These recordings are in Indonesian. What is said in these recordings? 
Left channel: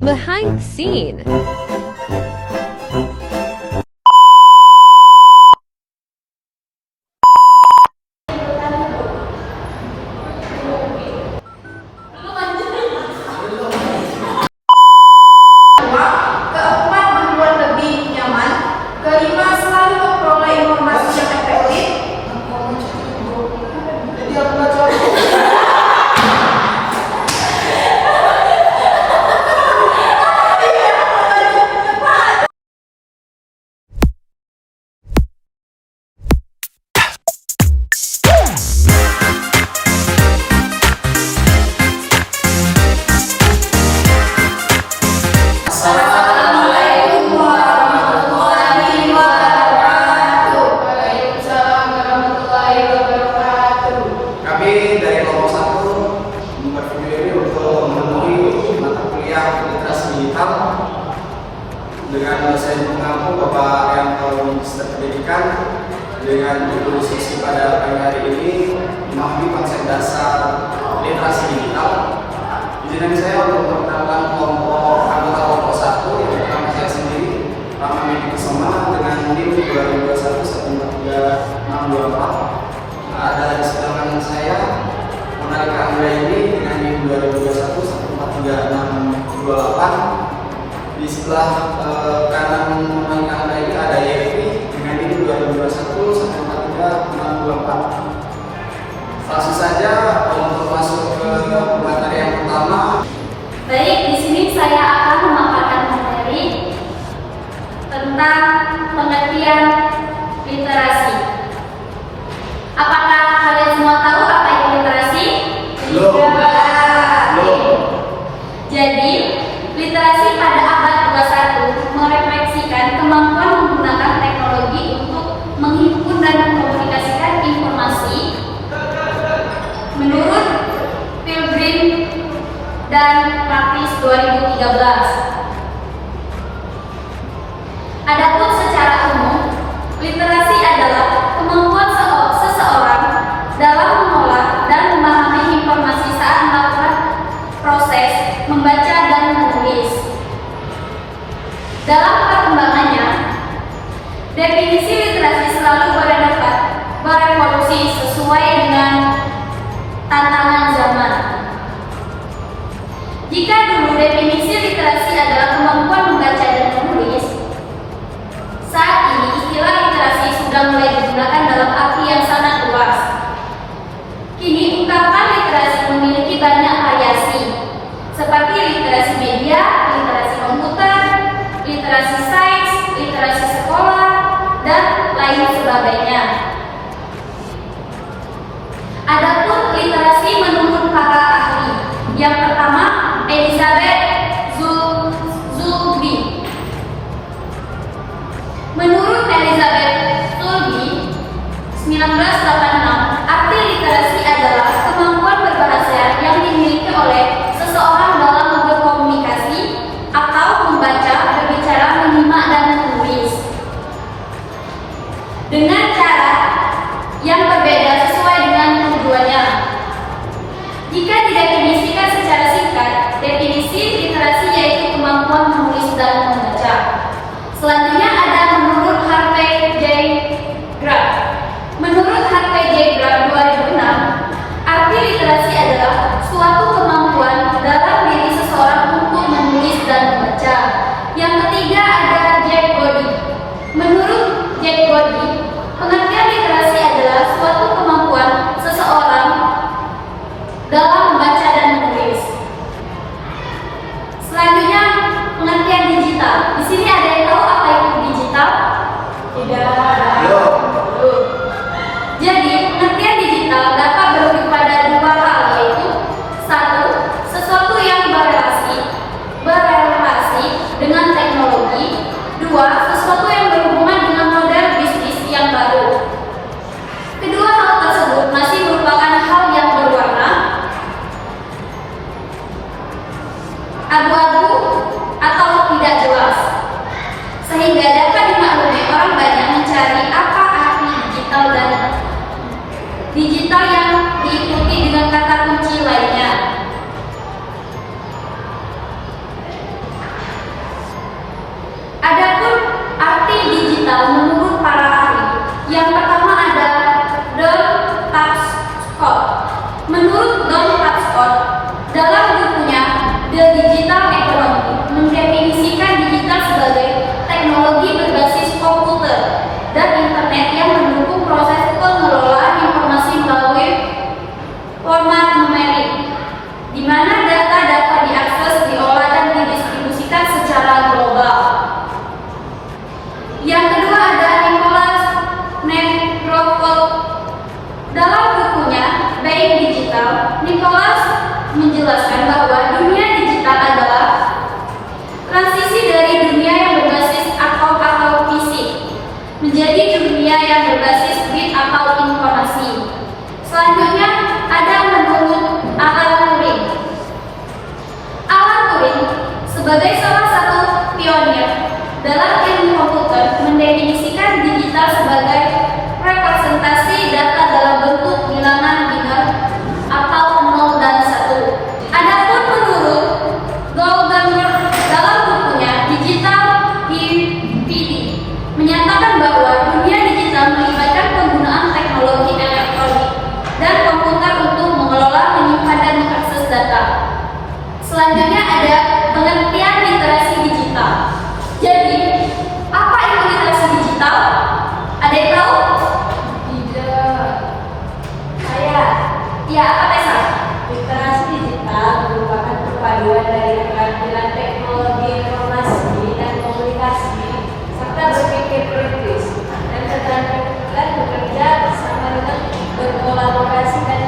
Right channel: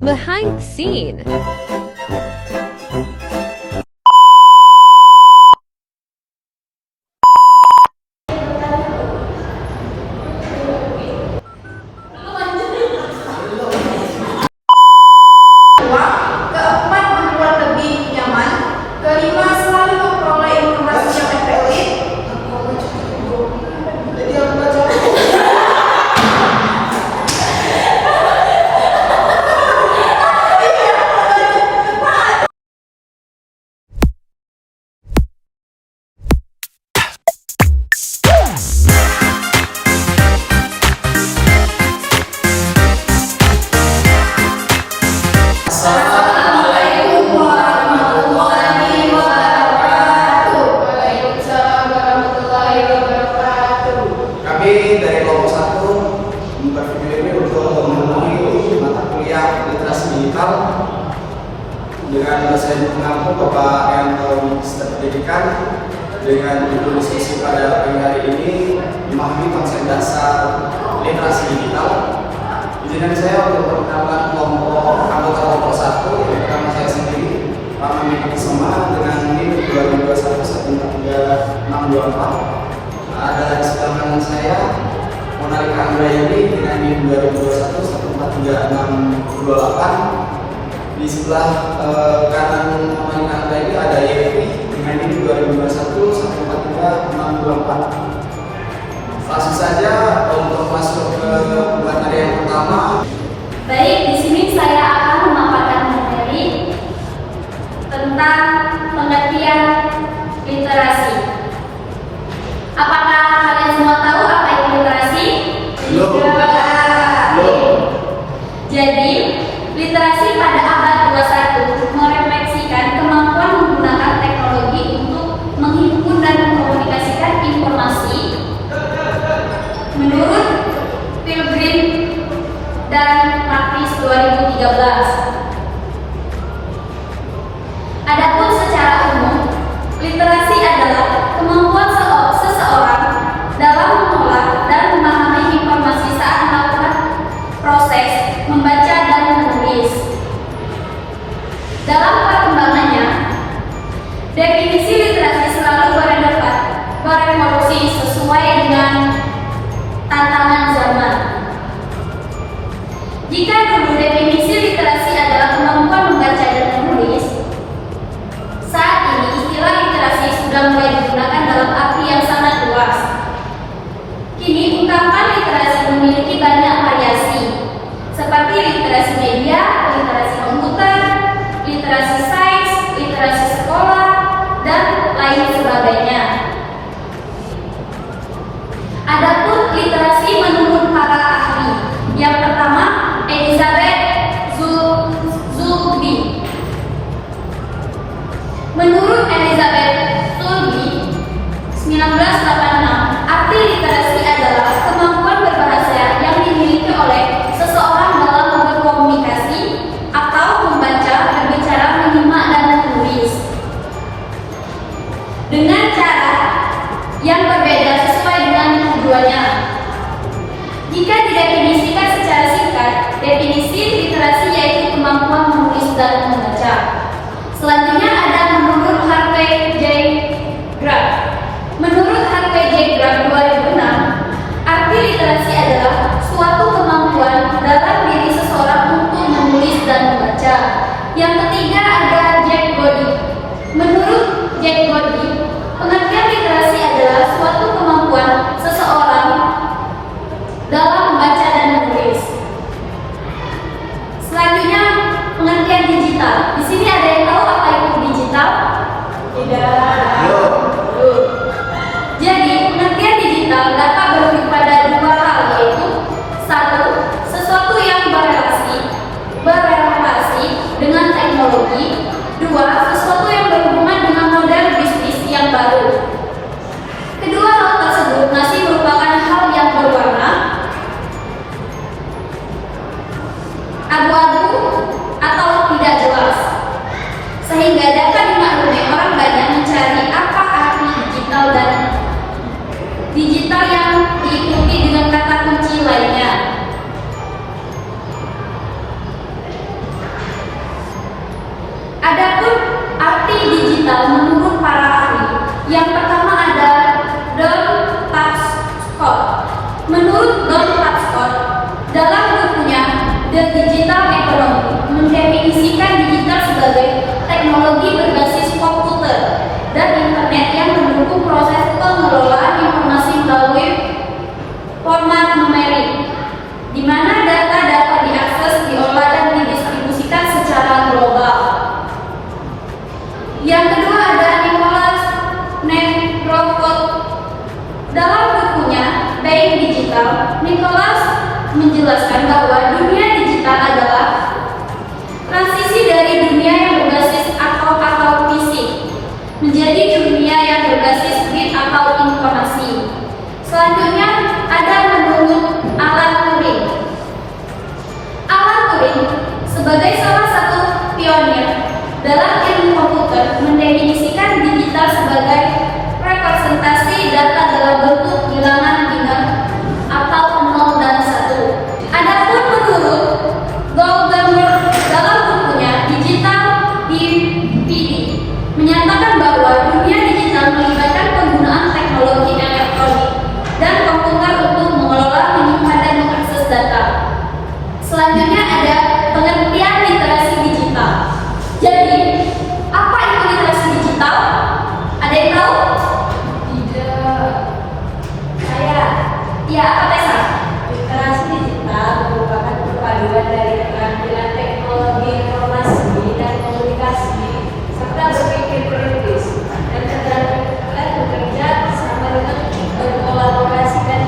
Behind the scene. Keempat, membuat lebih nyaman. Kelima, selalu memperoleh informasi yang efektif. Assalamualaikum warahmatullahi wabarakatuh. Waalaikumsalam warahmatullahi wabarakatuh. Kami dari kelompok 1 membuat video ini untuk memenuhi mata kuliah literasi digital dengan dosen pengampu Bapak Yanto Pendidikan dengan judul diskusi pada pagi hari ini memahami konsep dasar literasi digital. Izinkan saya untuk memperkenalkan kelompok anggota kelompok 1 yang pertama saya sendiri Rama Miki Soma dengan NIM 2021-143-624. Ada di sebelah kanan saya Monalika Anggrayani dengan NIM 2021-143-628. Di sebelah kanan Monalika Anggrayani ada Yevi dengan NIM 2021-143-624. Langsung saja untuk masuk ke materi yang pertama. Baik, di sini saya akan memaparkan materi tentang pengertian literasi. Apakah kalian semua tahu apa itu literasi? Belum. Jadi, literasi pada abad 21 merefleksikan kemampuan menggunakan teknologi untuk menghimpun dan mengkomunikasikan informasi. Menurut Pilgrim dan Praktis 2013. Adapun secara umum, literasi adalah kemampuan seseorang dalam mengolah dan memahami informasi saat melakukan proses membaca dan menulis. Dalam perkembangannya, definisi literasi selalu berevolusi sesuai dengan tantangan zaman. Jika dulu definisi literasi adalah kemampuan membaca dan menulis, saat ini istilah literasi sudah mulai digunakan dalam arti yang sangat luas. Kini ungkapan literasi memiliki banyak variasi, seperti literasi media, literasi komputer, literasi sains, literasi sekolah, dan lain sebagainya. Adapun literasi menurut para ahli, yang pertama Elizabeth Zulby. Menurut Elizabeth Zulby 1986, arti literasi adalah kemampuan berbahasa yang dimiliki oleh seseorang dalam berkomunikasi atau membaca, berbicara, menyimak, dan menulis dengan cara yang berbeda sesuai dengan keduanya. Jika didefinisikan secara singkat, definisi literasi yaitu kemampuan menulis dan membaca. Selanjutnya ada menurut Harvey J. Graff. Menurut Harvey J. Graff 2006, arti literasi adalah suatu kemampuan dalam diri seseorang untuk menulis dan membaca. Yang ketiga ada Jack Goddy. Menurut Jack Goddy, pengertian literasi adalah suatu kemampuan seseorang dalam membaca dan menulis. Selanjutnya, pengertian digital. Di sini ada yang tahu apa itu digital? Tidak. Jadi, pengertian digital dapat berujuk pada dua hal, yaitu satu, sesuatu yang berrelasi dengan teknologi. Dua, sesuatu yang berhubungan dengan model bisnis yang baru. Kedua hal tersebut masih merupakan hal yang berwarna abu-abu atau tidak jelas, sehingga dapat dimaklumi orang banyak mencari apa arti digital dan digital yang diikuti dengan kata kunci lainnya. digital ekonomi mendefinisikan digital sebagai teknologi berbasis komputer dan internet yang mendukung proses pengelolaan informasi melalui format numerik, di mana data dapat diakses, diolah, dan didistribusikan secara global. Yang kedua ada Nicholas Negroth. Dalam bukunya Being Digital, Nicholas menjelaskan bahwa dunia digital adalah transisi dari dunia yang berbasis atom atau fisik menjadi dunia yang berbasis bit atau informasi. Selanjutnya ada menurut Alan Turing. Alan Turing sebagai salah satu pionir dalam ilmu komputer mendefinisikan digital sebagai representasi data dalam bentuk bilangan biner atau 0 dan 1. Adapun menurut Goldenberg dalam bukunya Digital DVD menyatakan bahwa dunia digital melibatkan penggunaan teknologi elektronik dan komputer untuk mengelola, menyimpan, dan mengakses data. Selanjutnya ada pengertian literasi digital. Jadi, apa itu literasi digital? Ada yang tahu? Tidak. Saya. Ya, apa Tessa? Literasi digital merupakan perpaduan dari keterampilan teknologi informasi dan komunikasi serta berpikir kritis dan keterampilan bekerja bersama dengan berkolaborasi dan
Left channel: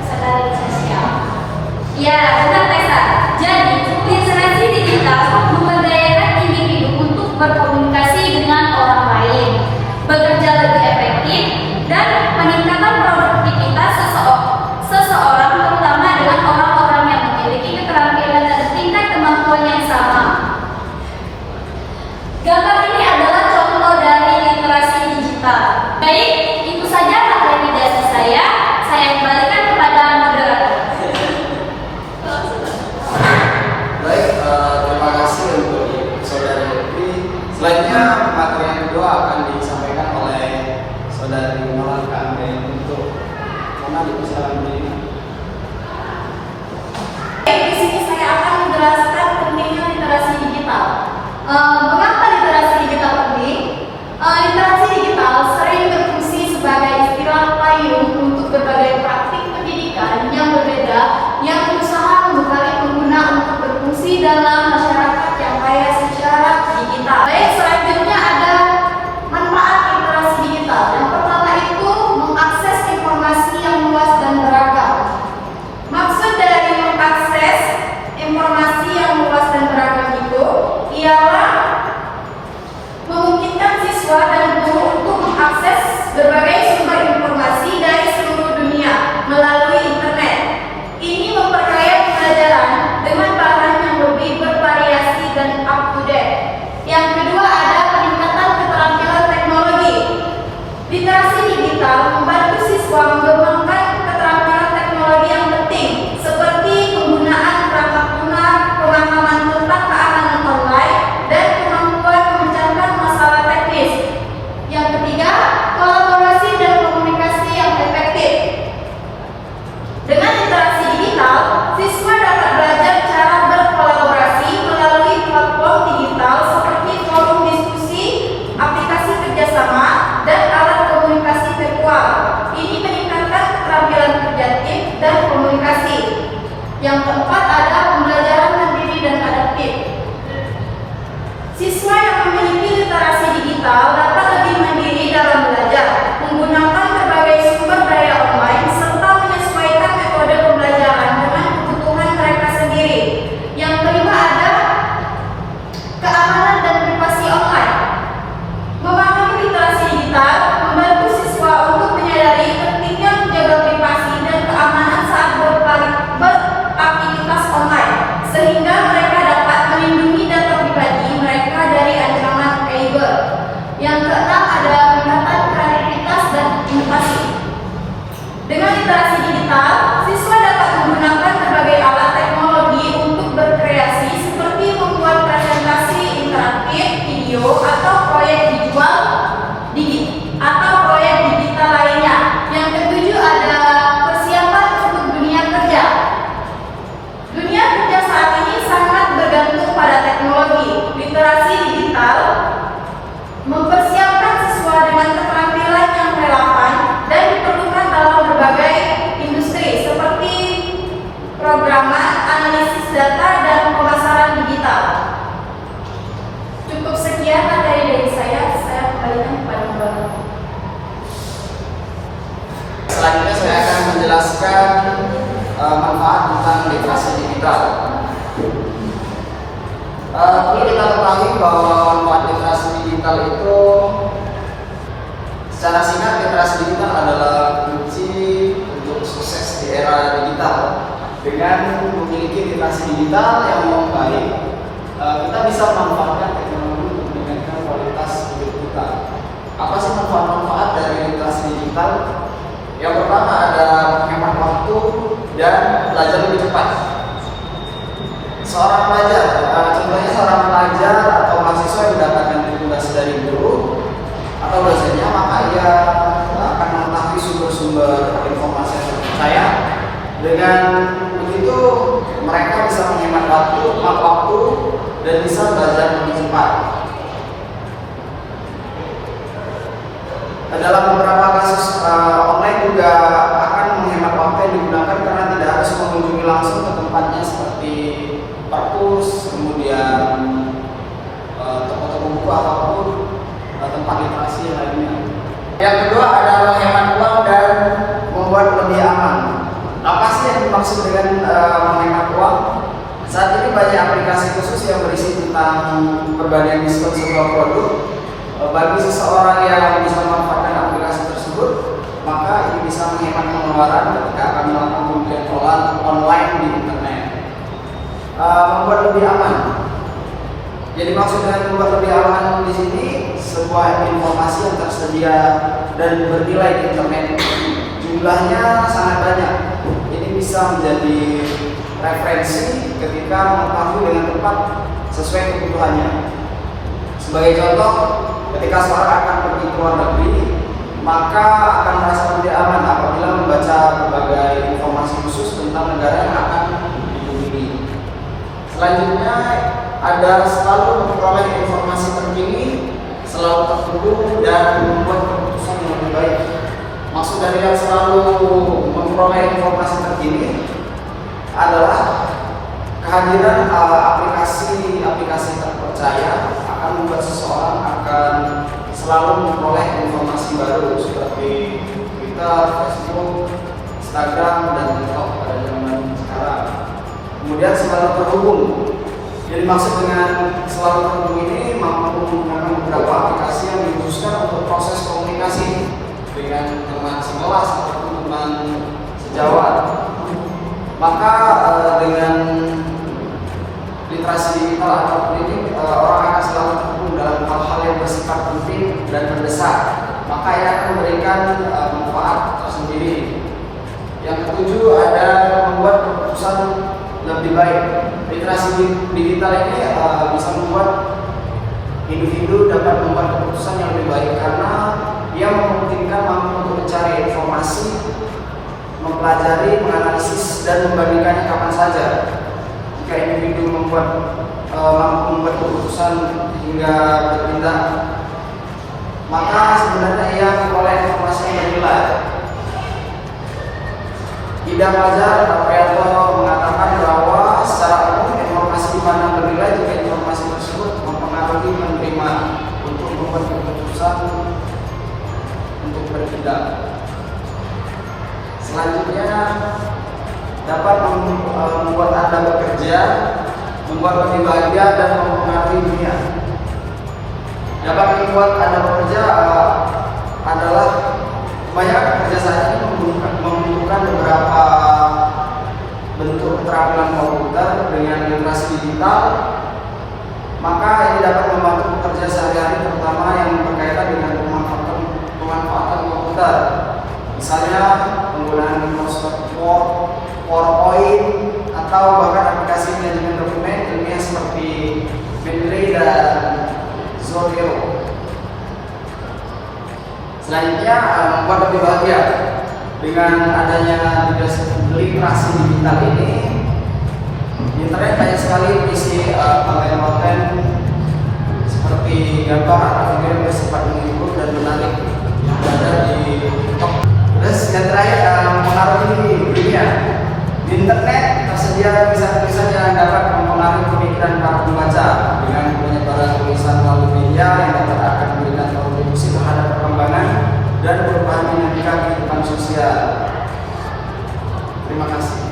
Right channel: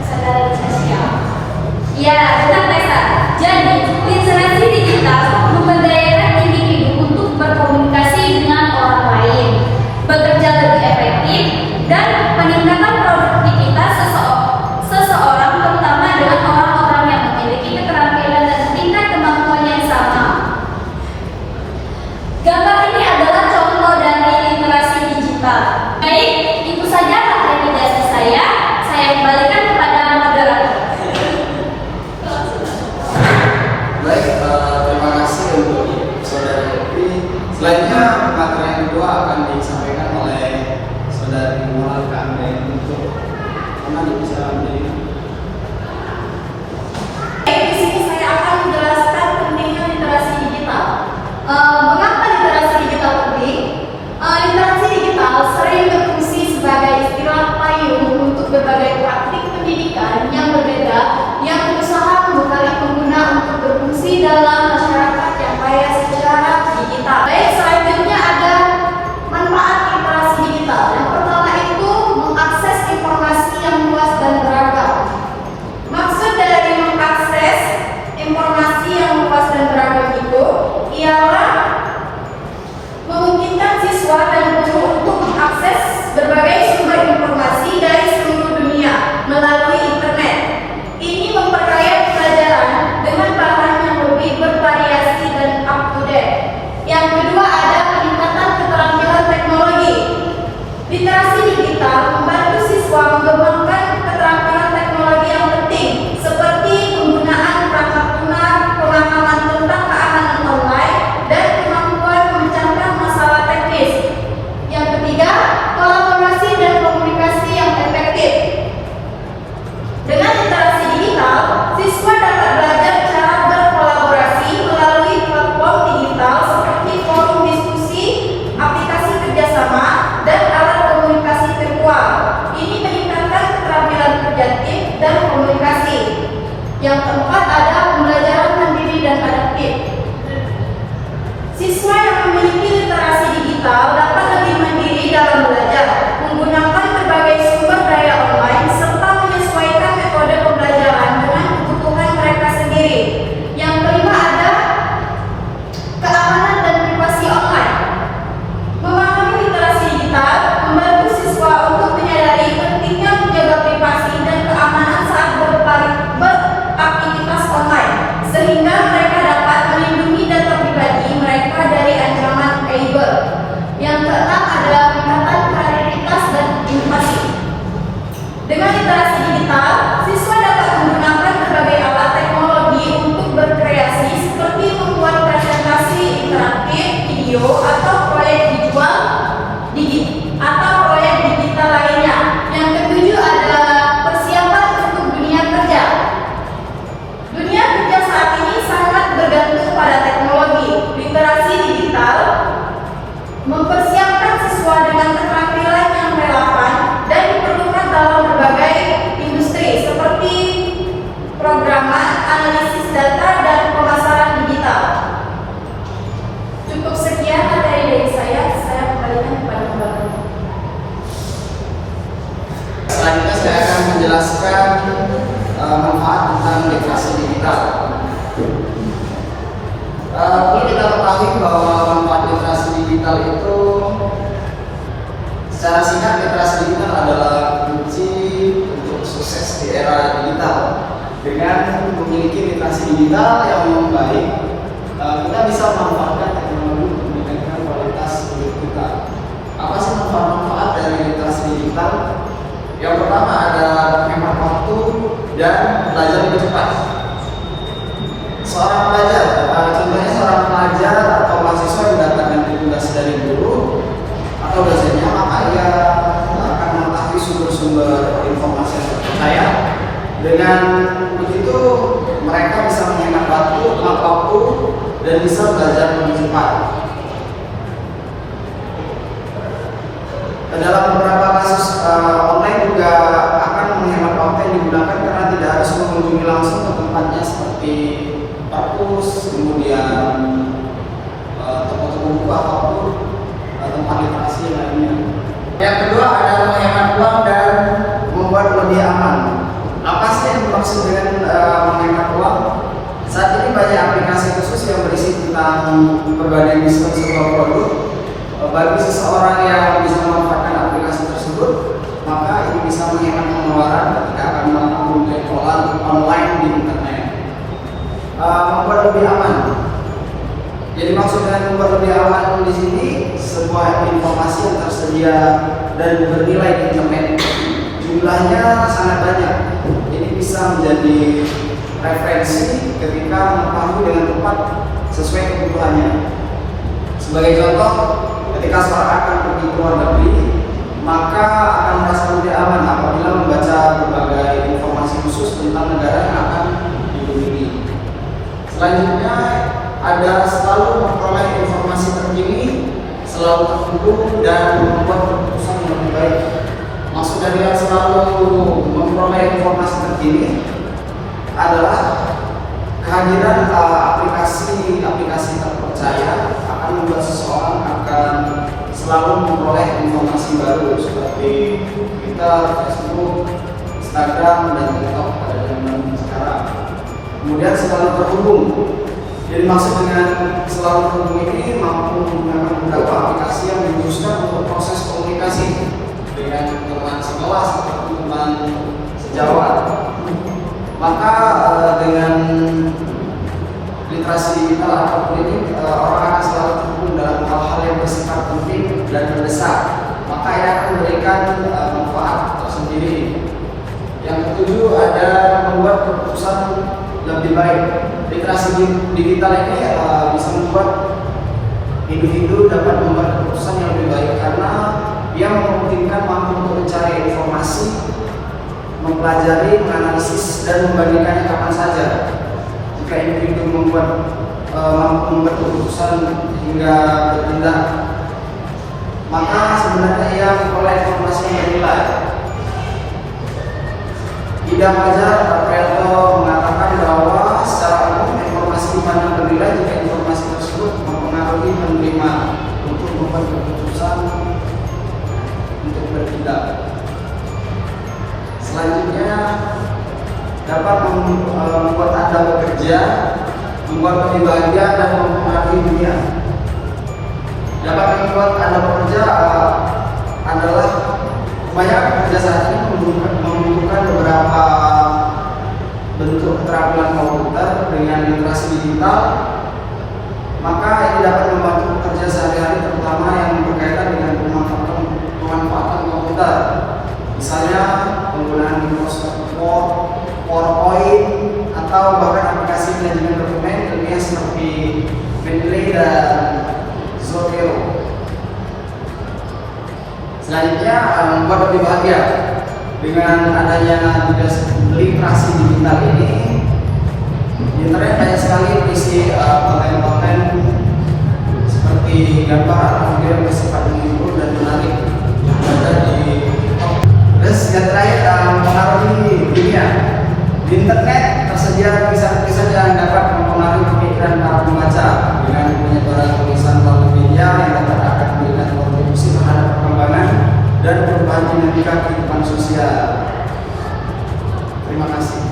kesadaran sosial. Ya, benar Tessa. Jadi, literasi digital memberdayakan individu untuk berkomunikasi dengan orang lain, bekerja lebih efektif, dan peningkatan produktivitas seseorang, terutama dengan orang-orang yang memiliki keterampilan dan tingkat kemampuan yang sama. Gambar ini adalah contoh dari literasi digital. Baik, itu saja materi dari saya. Saya kembalikan kepada moderator. Baik, terima kasih untuk Saudari Evi. Selanjutnya materi yang kedua akan disampaikan oleh Saudari Moral Kamben untuk menjelaskan diri. Di sini saya akan menjelaskan pentingnya literasi digital. Mengapa literasi digital penting? Literasi digital sering berfungsi sebagai istilah payung untuk berbagai praktik pendidikan yang berbeda yang berusaha membekali pengguna untuk berfungsi dalam masyarakat yang kaya secara digital. Baik, selanjutnya ada manfaat literasi digital. Yang pertama itu mengakses informasi yang luas dan beragam. Maksud dari mengakses informasi yang luas dan beragam itu ialah memungkinkan siswa dan guru untuk mengakses berbagai sumber informasi dari seluruh dunia melalui internet. Ini memperkaya pelajaran dengan bahan yang lebih bervariasi dan up to date. Yang kedua ada peningkatan keterampilan teknologi. Literasi digital membantu siswa mengembangkan keterampilan teknologi yang penting seperti penggunaan perangkat lunak, pemahaman tentang keamanan online, dan kemampuan memecahkan masalah teknis. Yang ketiga, kolaborasi dan komunikasi yang literasi digital. Perlu kita ketahui bahwa manfaat literasi digital itu secara singkat, literasi digital adalah kunci untuk sukses di era digital. Dengan memiliki literasi digital yang baik, kita bisa memanfaatkan teknologi untuk meningkatkan kualitas hidup kita. Apa sih manfaat-manfaat dari literasi digital? Yang pertama ada menghemat waktu dan belajar lebih cepat. Seorang pelajar, contohnya seorang pelajar atau mahasiswa yang mendapatkan tugas dari guru atau dosennya, maka ia akan mengetahui sumber-sumber informasi yang terpercaya. Dengan begitu mereka bisa menghemat waktu, dan bisa belajar lebih cepat. Dalam beberapa kasus online juga akan menghemat waktu yang digunakan karena tidak harus mengunjungi langsung ke tempatnya seperti perpus, kemudian toko-toko buku ataupun tempat literasi yang lainnya. Yang kedua adalah menghemat uang dan membuat lebih aman. Apa sih yang dimaksud dengan menghemat uang? Saat ini banyak aplikasi khusus yang berisi tentang berbagai diskon sebuah produk. Bagi seseorang yang bisa memanfaatkan aplikasi tersebut, maka ini bisa menghemat pengeluaran ketika akan melakukan pembelian online di internet. Membuat lebih aman. Jadi maksud dengan membuat lebih aman di sini, sebuah informasi yang tersedia dan bernilai di internet jumlahnya sangat banyak. Ini bisa menjadi referensi ketika mengetahui dengan tepat sesuai kebutuhannya. Sebagai contoh, ketika seorang akan pergi ke luar negeri, maka akan merasa lebih aman apabila membaca berbagai informasi khusus tentang negara yang akan dikunjungi. Selanjutnya ada selalu memperoleh informasi terkini, selalu terhubung dan membuat keputusan yang lebih baik. Maksud dari yang selalu memperoleh informasi terkini adalah kehadiran aplikasi terpercaya akan membuat seseorang akan selalu memperoleh informasi baru seperti Twitter, Facebook, Instagram, dan TikTok pada zaman sekarang. Kemudian selalu terhubung. Jadi maksud dengan selalu terhubung ini mampu menggunakan beberapa aplikasi yang dikhususkan untuk proses komunikasi dengan teman sekelas atau teman sejawat. Maka dengan literasi digital ataupun ini orang akan selalu terhubung dalam hal-hal yang bersifat penting dan mendesak, maka ia akan memberikan manfaat tersendiri. Yang ketujuh ada membuat keputusan lebih baik. Literasi digital ini bisa membuat individu dapat membuat keputusan yang lebih baik karena dia memungkinkan mampu untuk mencari informasi, mempelajari, menganalisis, dan membandingkannya kapan saja. Jika individu mampu membuat keputusan hingga bertindak, maka sebenarnya ia memperoleh informasi yang bernilai. Tidak wajar Plato mengatakan bahwa secara umum informasi di mana bernilai jika informasi tersebut mempengaruhi penerima untuk membuat keputusan untuk bertindak. Selanjutnya dapat membuat Anda bekerja, membuat lebih bahagia dan mempengaruhi dunia. Dapat membuat Anda bekerja adalah banyak pekerja saat ini membutuhkan beberapa bentuk keterampilan komputer dengan literasi digital, maka ini dapat membantu pekerja sehari-hari terutama yang berkaitan dengan pemanfaatan komputer. Misalnya penggunaan Microsoft Word, PowerPoint, atau bahkan aplikasi manajemen dokumen ini seperti Mendeley dan Zotero. Selanjutnya membuat lebih bahagia dengan adanya literasi digital ini. Internet banyak sekali berisi konten-konten seperti gambar atau video yang bersifat menghibur dan menarik ada di TikTok. Dan terakhir mempengaruhi dunia. Di internet tersedia tulisan-tulisan yang dapat mempengaruhi pemikiran para pembaca dengan penyebaran tulisan melalui media yang dapat akan memberikan kontribusi terhadap perkembangan dan perubahan dinamika kehidupan sosial. Terima kasih.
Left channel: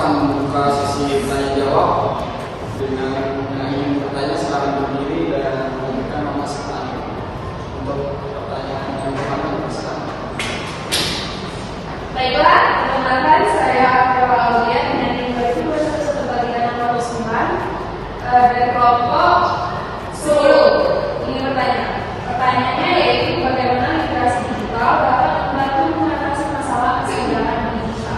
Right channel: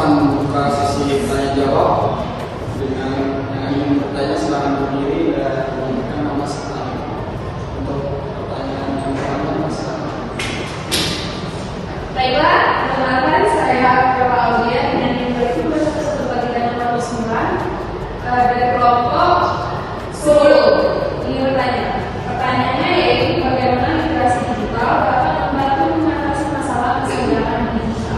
akan membuka sesi tanya jawab dengan yang ingin bertanya silakan berdiri dan memberikan nama setelahnya untuk pertanyaan yang disampaikan. Baiklah, perkenalkan saya Aulia dari Universitas Kebagian Keluar dari kelompok Solo. Ini pertanyaannya yaitu bagaimana literasi digital dapat membantu mengatasi masalah kesenjangan digital.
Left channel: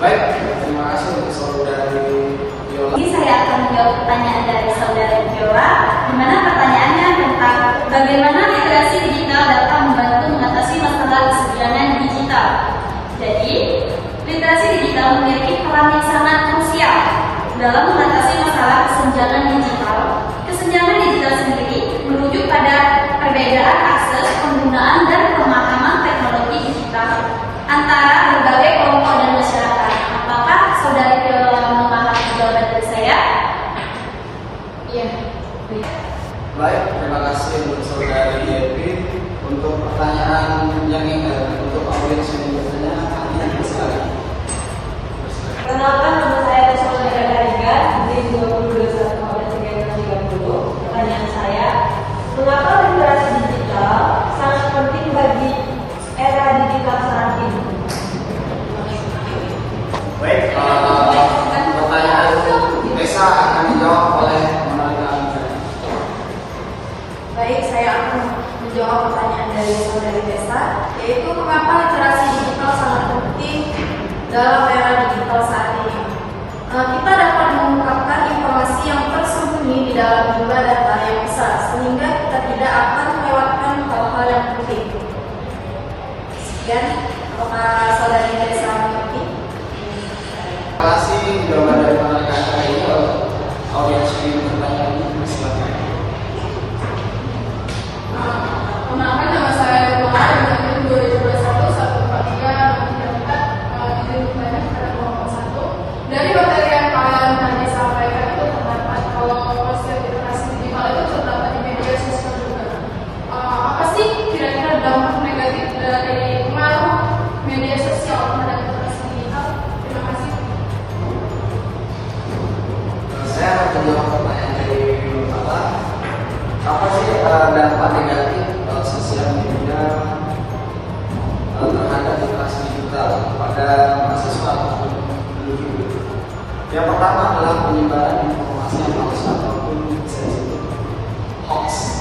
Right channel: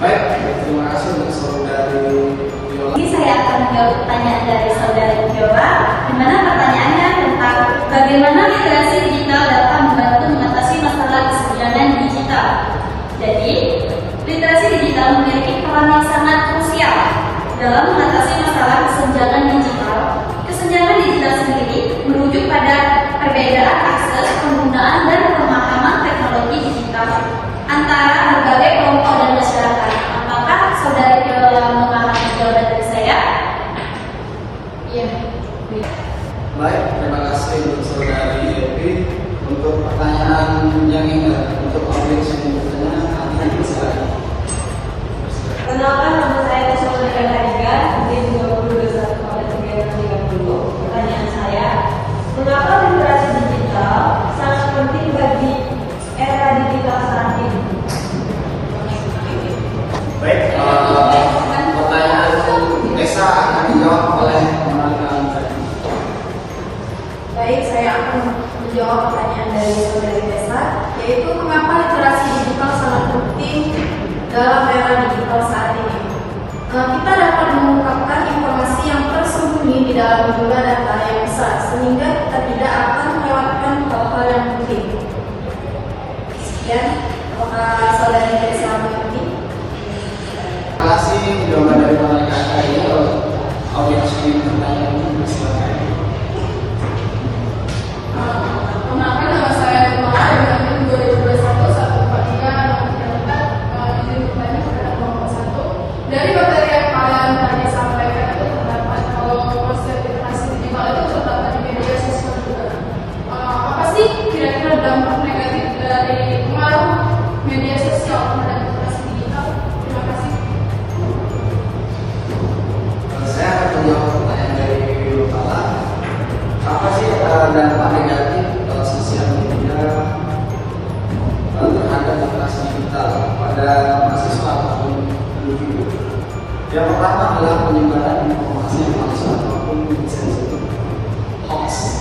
Baik, terima kasih untuk saudari Yola. Ini saya akan menjawab pertanyaan dari saudari Viola, di mana pertanyaannya tentang bagaimana literasi digital dapat membantu mengatasi masalah kesenjangan digital. Jadi, literasi digital memiliki peran yang sangat krusial dalam mengatasi masalah kesenjangan digital. Kesenjangan digital sendiri merujuk pada perbedaan akses, penggunaan, dan pemahaman teknologi digital antara berbagai kelompok dan masyarakat. Apakah saudara Viola yang memahami jawaban dari saya? Iya. Baik, terima kasih untuk saudari Evi untuk pertanyaan yang ingat untuk audiens yang bertanya. Pertanyaan sekali. Perkenalkan, nama saya saudari Ariga dari 2021-2030. Pertanyaan saya, mengapa literasi digital sangat penting bagi era digital saat ini? Baik, pertanyaan itu Desa akan dijawab oleh Manalina. Baik, saya akan menjawab pertanyaan dari saudari Desa, yaitu mengapa literasi digital sangat penting dalam era digital saat ini. Kita dapat mengungkapkan informasi yang tersembunyi di dalam jumlah data yang besar, sehingga kita tidak akan melewatkan hal-hal yang penting. Dan apakah saudari Desa mengerti? Terima kasih jawaban dari Manalina hari ini. Audiens yang bertanya ini silakan. Perkenalkan, nama saya Nurmala dengan 2021-143-4 dari materi yang kalian tadi sampaikan itu terdapat kalau proses literasi digital itu terdapat di media sosial juga. Apa sih kira-kira dampak negatif dari pengaruh media sosial terhadap literasi digital? Terima kasih. Saya akan menjawab pertanyaan dari Bapak. Apa sih dampak negatif sosial media terhadap literasi digital pada mahasiswa ataupun individu? Yang pertama adalah penyebaran informasi yang palsu ataupun bisa disebut hoax.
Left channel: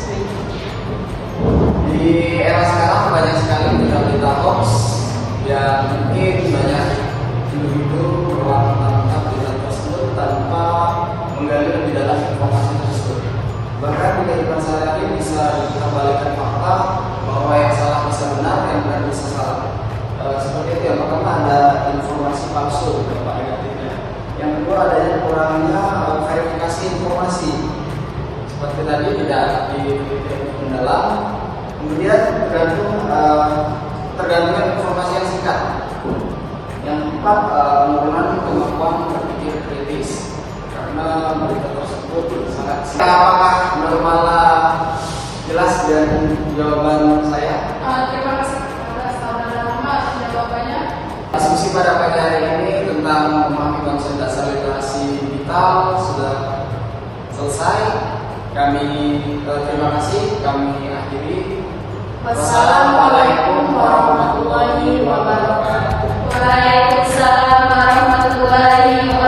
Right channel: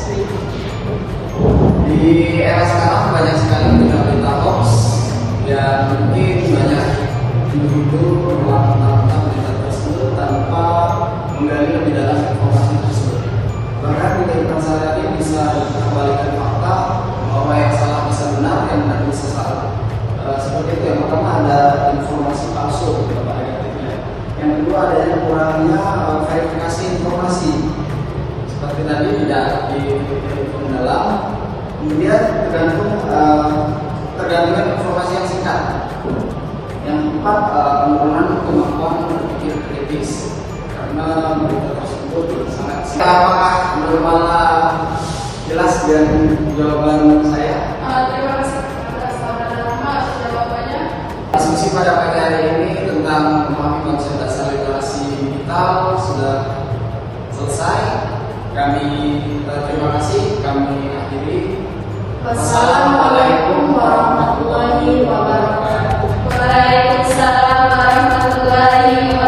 Di era sekarang banyak sekali berita-berita hoax yang mungkin banyak individu melakukan berita tersebut tanpa menggali lebih dalam informasi tersebut. Bahkan berita masyarakat ini bisa dikembalikan fakta bahwa yang salah bisa benar, yang benar bisa salah. Seperti itu. Yang pertama ada informasi palsu dampak negatifnya. Yang kedua adanya kurangnya verifikasi informasi. Seperti tadi tidak mendalam. Kemudian tergantung informasi yang singkat. Yang keempat penurunan kemampuan berpikir kritis karena berita tersebut sangat singkat. Apakah Nurmala jelas dengan jawaban saya? Terima kasih atas jawabannya. Diskusi pada pagi hari ini tentang memahami konsep dasar literasi digital sudah selesai. Kami terima kasih. Kami akhiri. Wassalamualaikum warahmatullahi wabarakatuh. Waalaikumsalam warahmatullahi wabarakatuh.